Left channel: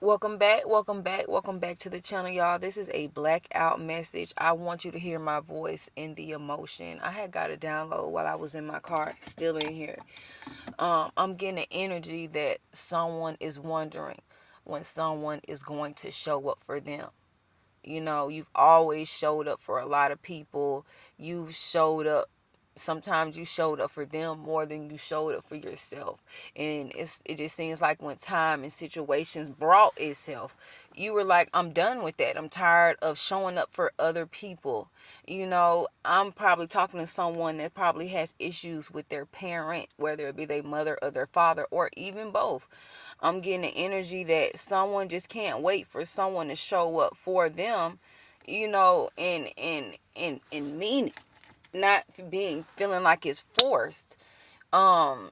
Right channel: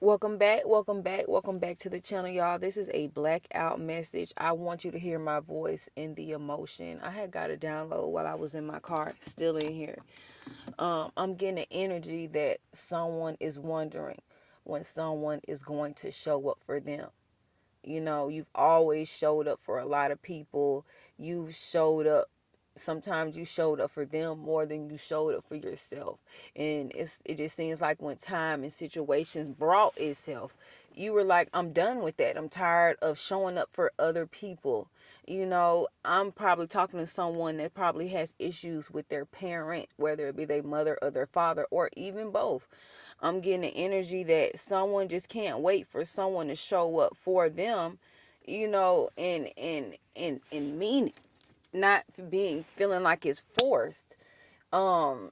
Welcome back to the channel, y'all. This is a blackout message. I want you to hear my voice and the emotion. I had got a download while I was in my car, still in here. I'm getting an energy that someone is wondering when someone is going to show up for them. You know, you've always showed up for a lot of people. You've showed up. Sometimes you showed up for them more than you showed up for yourself. And it just seems like when time and situations brought itself, you were like, I'm done with that. I'm tired of showing up for other people. You know, I'm probably talking to someone that probably has issues with their parent, whether it be their mother or their father, or even both. I'm getting the energy that someone just can't wait for someone to show up for them, you know, and mean it, not being feeling like it's forced. Um,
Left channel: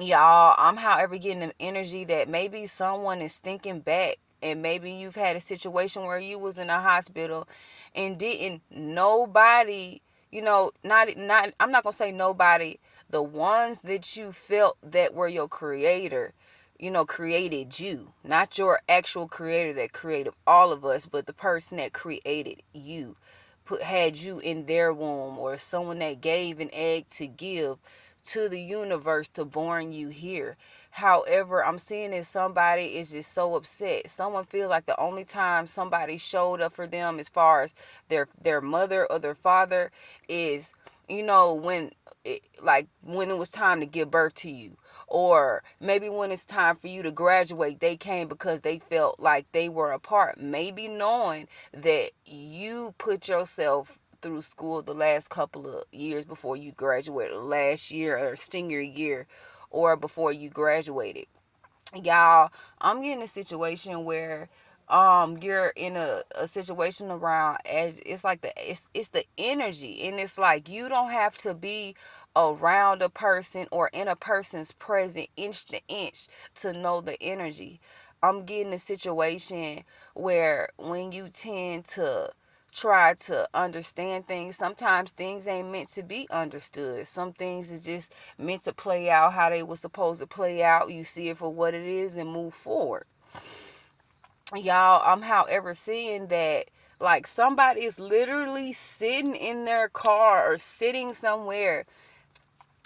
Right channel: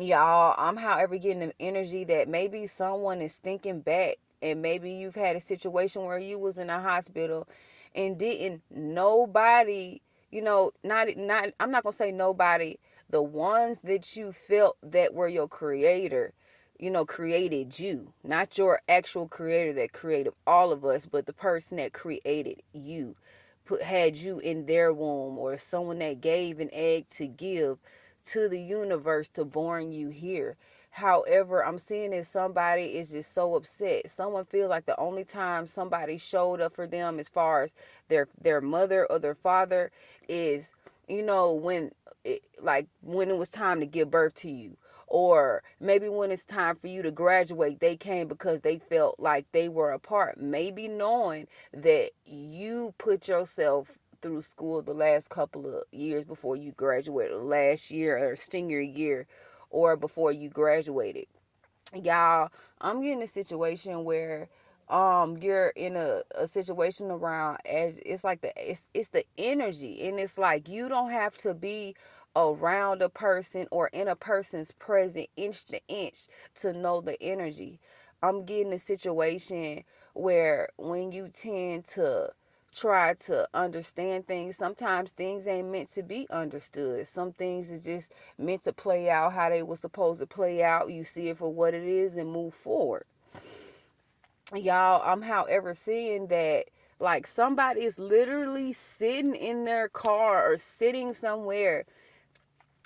y'all, I'm however getting the energy that maybe someone is thinking back, and maybe you've had a situation where you was in a hospital and didn't nobody, not I'm not gonna say nobody, the ones that you felt that were your creator, created you, not your actual creator that created all of us, but the person that created you, had you in their womb, or someone that gave an egg to give to the universe to born you here. However, I'm seeing that somebody is just so upset. Someone feels like the only time somebody showed up for them, as far as their mother or their father, is, when when it was time to give birth to you, or maybe when it's time for you to graduate, they came because they felt like they were a part, maybe knowing that you put yourself through school the last couple of years before you graduated, last year or senior year, or before you graduated. Y'all, I'm getting a situation where you're in a situation around, it's like it's the energy, and it's like you don't have to be around a person or in a person's present inch to inch to know the energy. I'm getting a situation where when you tend to try to understand things, sometimes things ain't meant to be understood. Some things is just meant to play out how they were supposed to play out. You see it for what it is and move forward. Y'all, I'm however seeing that like somebody is literally sitting in their car or sitting somewhere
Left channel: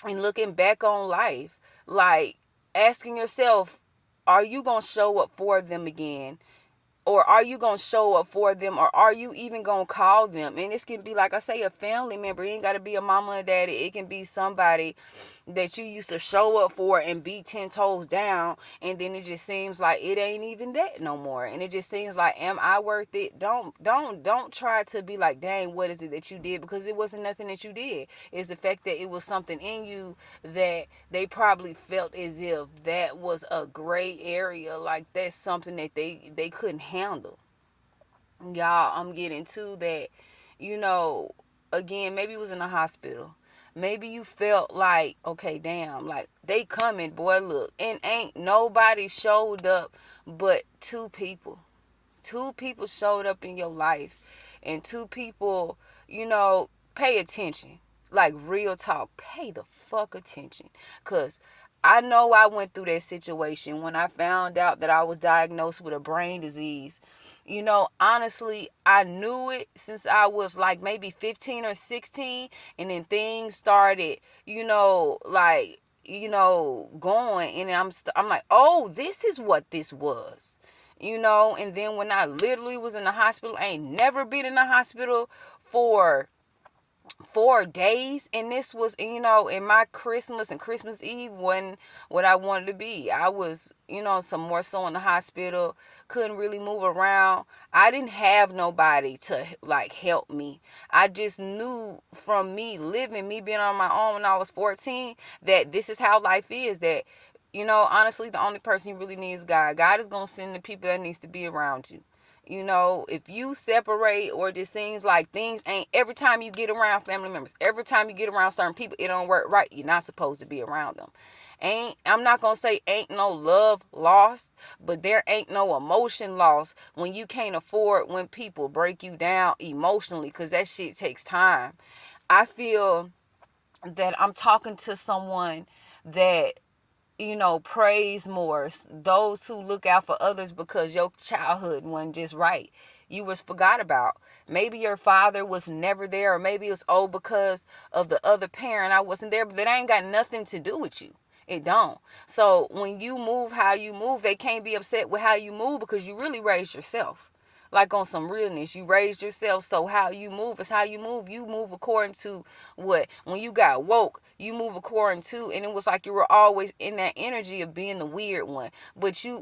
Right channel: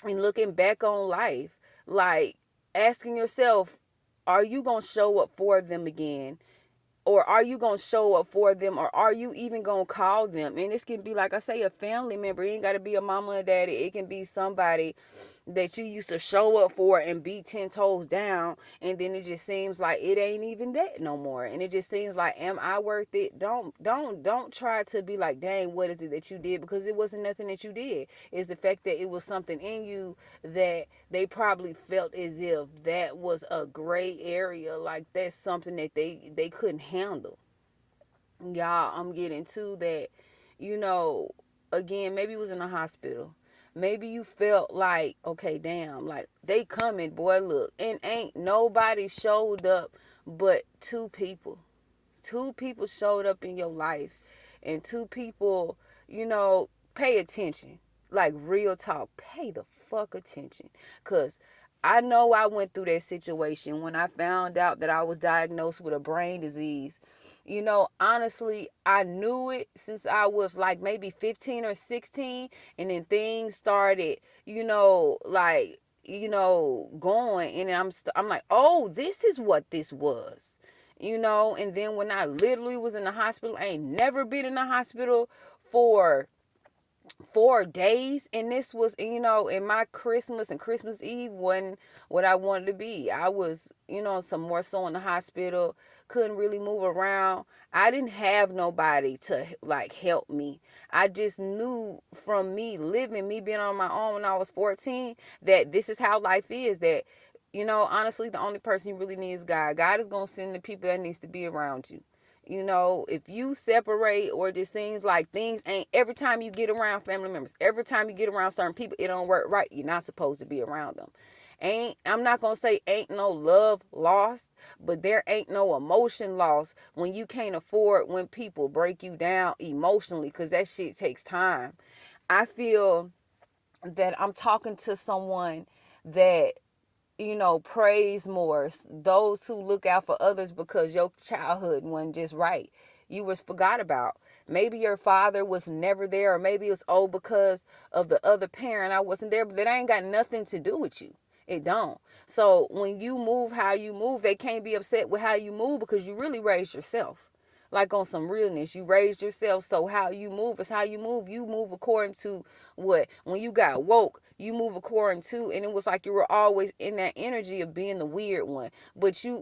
and looking back on life, like asking yourself, are you going to show up for them again? Or are you gonna show up for them, or are you even gonna call them? And this can be, like I say, a family member. It ain't gotta be a mama or daddy. It can be somebody that you used to show up for and be 10 toes down, and then it just seems like it ain't even that no more, and it just seems like, am I worth it? Don't try to be like, dang, what is it that you did? Because it wasn't nothing that you did. It's the fact that it was something in you that they probably felt as if that was a gray area, like that's something that they couldn't handle. Y'all, I'm getting to that, you know, again, maybe it was in a hospital. Maybe you felt like, okay, damn, like they coming, boy, look, and ain't nobody showed up but two people. Two people showed up in your life, and two people, pay attention. Like real talk, pay the fuck attention. Cause I know I went through that situation when I found out that I was diagnosed with a brain disease. Honestly, I knew it since I was like maybe 15 or 16, and then things started, going, and I'm like, oh, this is what this was. And then when I literally was in the hospital, I ain't never been in the hospital for 4 days, and this was, in my Christmas, and Christmas Eve when what I wanted to be. I was, some more so in the hospital, couldn't really move around. I didn't have nobody to like help me. I just knew from me living, me being on my own when I was 14, that this is how life is. That, honestly, the only person you really need is God. God is gonna send the people that needs to be around you. If you separate, or it just seems like things ain't, every time you get around family members, every time you get around certain people, it don't work right, you're not supposed to be around them. I'm not gonna say ain't no love lost, but there ain't no emotion lost when you can't afford when people break you down emotionally, because that shit takes time. I feel that I'm talking to someone that, praise more. Those who look out for others because your childhood wasn't just right. You was forgot about. Maybe your father was never there, or maybe it was old because of the other parent. I wasn't there, but that ain't got nothing to do with you. It don't. So when you move how you move, they can't be upset with how you move because you really raised yourself. Like on some realness, you raised yourself, so how you move is how you move. You move according to what? When you got woke, you move according to, and it was like you were always in that energy of being the weird one. But you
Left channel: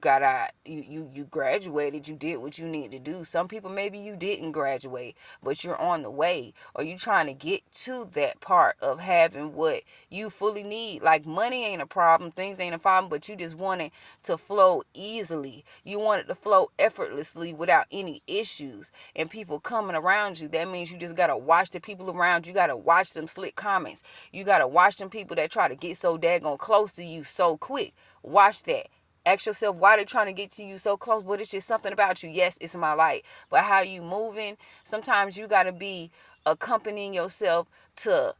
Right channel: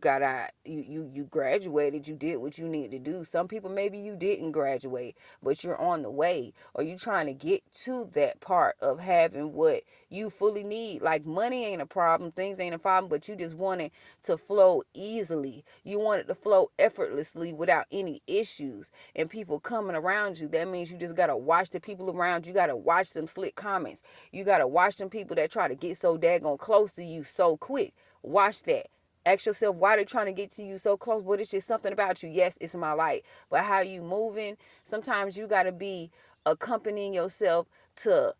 got out, you graduated, you did what you need to do. Some people, maybe you didn't graduate, but you're on the way, or you trying to get to that part of having what you fully need. Like money ain't a problem, things ain't a problem, but you just want it to flow easily. You want it to flow effortlessly without any issues and people coming around you. That means you just gotta watch the people around you. You gotta watch them slick comments. You gotta watch them people that try to get so daggone close to you so quick. Watch that. Ask yourself why they're trying to get to you so close. But it's just something about you. Yes, it's my light. But how you moving, sometimes you gotta be accompanying yourself to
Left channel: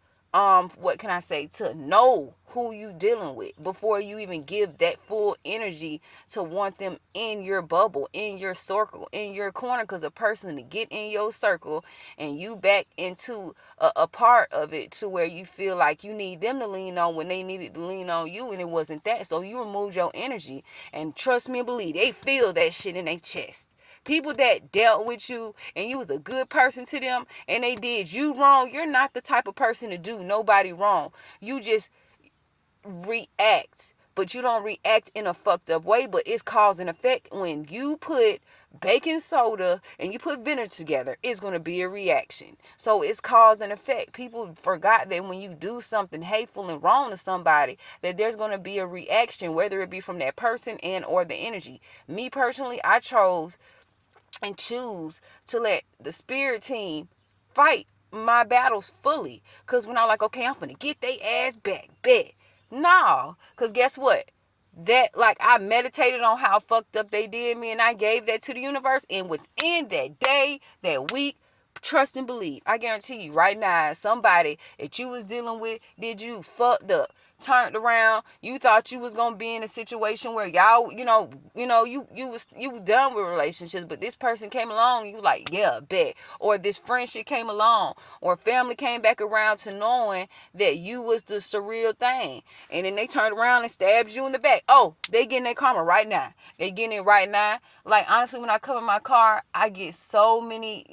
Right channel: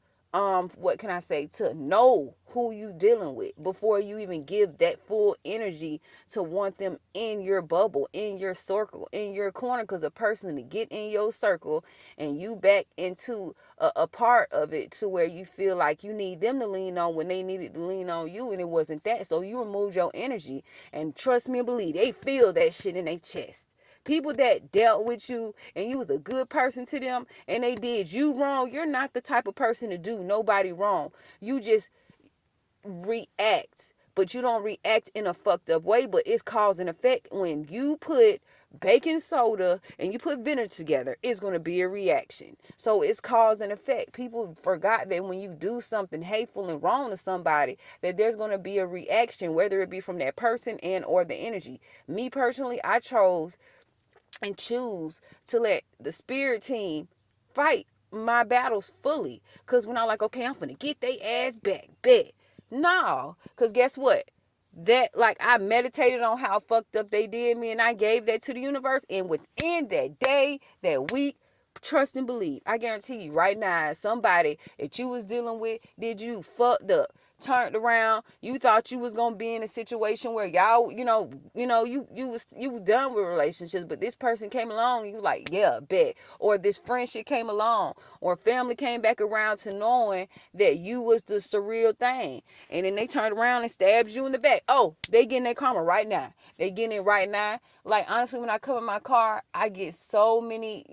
what can I say, to know who you dealing with before you even give that full energy to want them in your bubble, in your circle, in your corner. Because a person to get in your circle and you back into a part of it to where you feel like you need them to lean on when they needed to lean on you, and it wasn't that. So you removed your energy, and trust me and believe, they feel that shit in their chest. People that dealt with you and you was a good person to them and they did you wrong, you're not the type of person to do nobody wrong. You just react, but you don't react in a fucked up way. But it's cause and effect. When you put baking soda and you put vinegar together, it's going to be a reaction. So it's cause and effect. People forgot that when you do something hateful and wrong to somebody, that there's going to be a reaction, whether it be from that person and or the energy. Me personally, I chose and choose to let the spirit team fight my battles fully. Because when I'm like, okay, I'm finna get they ass back, bet. No, because guess what? That, like, I meditated on how fucked up they did me, and I gave that to the universe, and within that day, that week, trust and believe, I guarantee you right now, somebody that you was dealing with did you fucked up, turned around, you thought you was gonna be in a situation where y'all, you were done with relationships, but this person came along, you like, yeah, bet. Or this friendship came along, or family came back around to knowing that you was the surreal thing, and then they turned around and stabbed you in the back. Oh, they getting their karma right now. They getting it right now. Like, honestly, when I cover my car, I get so many,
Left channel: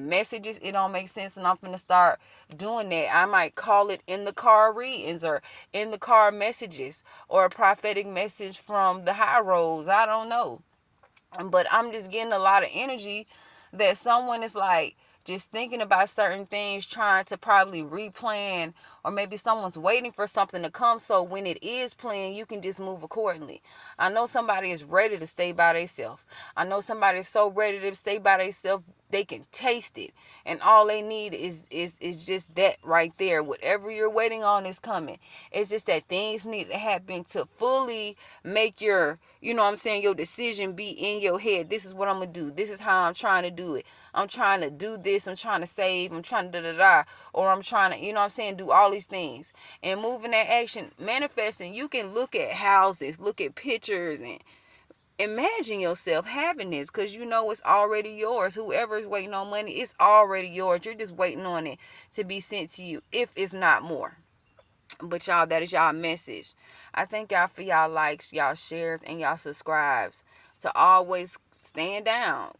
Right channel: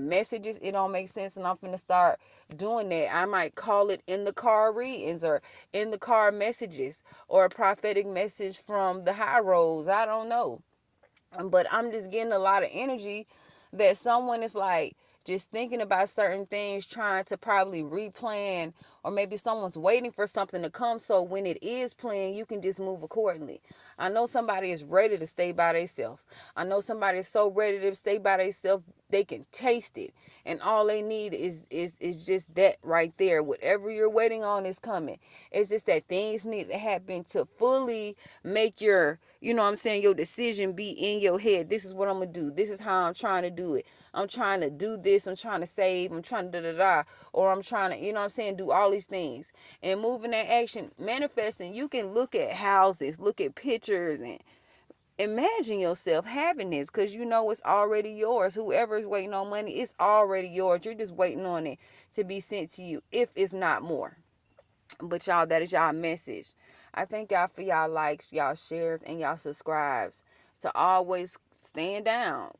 messages. It don't make sense, and I'm finna start doing that. I might call it in the car readings, or in the car messages, or a prophetic message from the high roads. I don't know. But I'm just getting a lot of energy that someone is like just thinking about certain things, trying to probably replan, or maybe someone's waiting for something to come, so when it is planned, you can just move accordingly. I know somebody is ready to stay by themselves. I know somebody is so ready to stay by themselves, they can taste it, and all they need is just that right there. Whatever you're waiting on is coming. It's just that things need to happen to fully make your, your decision be in your head. This is what I'm gonna do. This is how I'm trying to do it. I'm trying to do this. I'm trying to save. I'm trying to da-da-da. Or I'm trying to, do all these things. And moving that action, manifesting, you can look at houses, look at pictures, and imagine yourself having this, because you know it's already yours. Whoever is waiting on money, it's already yours. You're just waiting on it to be sent to you, if it's not more. But y'all, that is y'all message. I thank y'all for y'all likes, y'all shares, and y'all subscribes. To always stand down.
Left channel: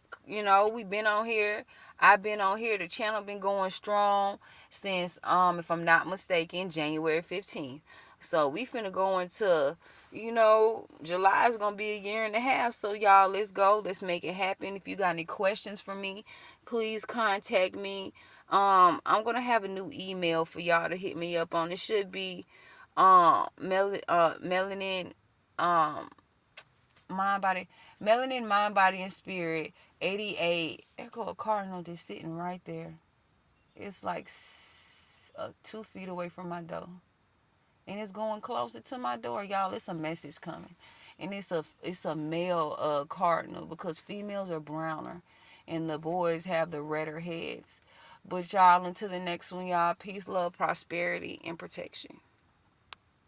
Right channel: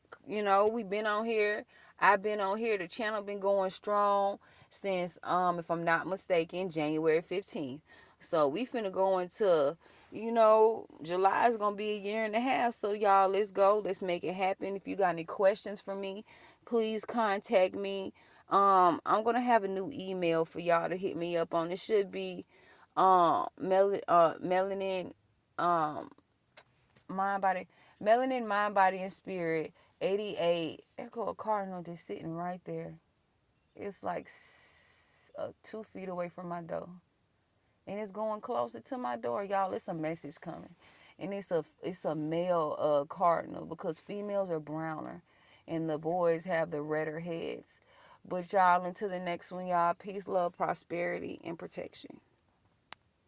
We've been on here. I've been on here. The channel been going strong since, if I'm not mistaken, January 15th. So we finna go into, July is gonna be a year and a half. So y'all, let's go. Let's make it happen. If you got any questions for me, please contact me. I'm gonna have a new email for y'all to hit me up on. It should be melanin mind body melanin mind body and spirit 88. There go a cardinal just sitting right there. It's like 2 feet away from my door, and it's going closer to my door, y'all. It's a message coming, and it's a male cardinal, because females are browner and the boys have the redder heads. But y'all, until the next one, y'all, peace, love, prosperity, and protection.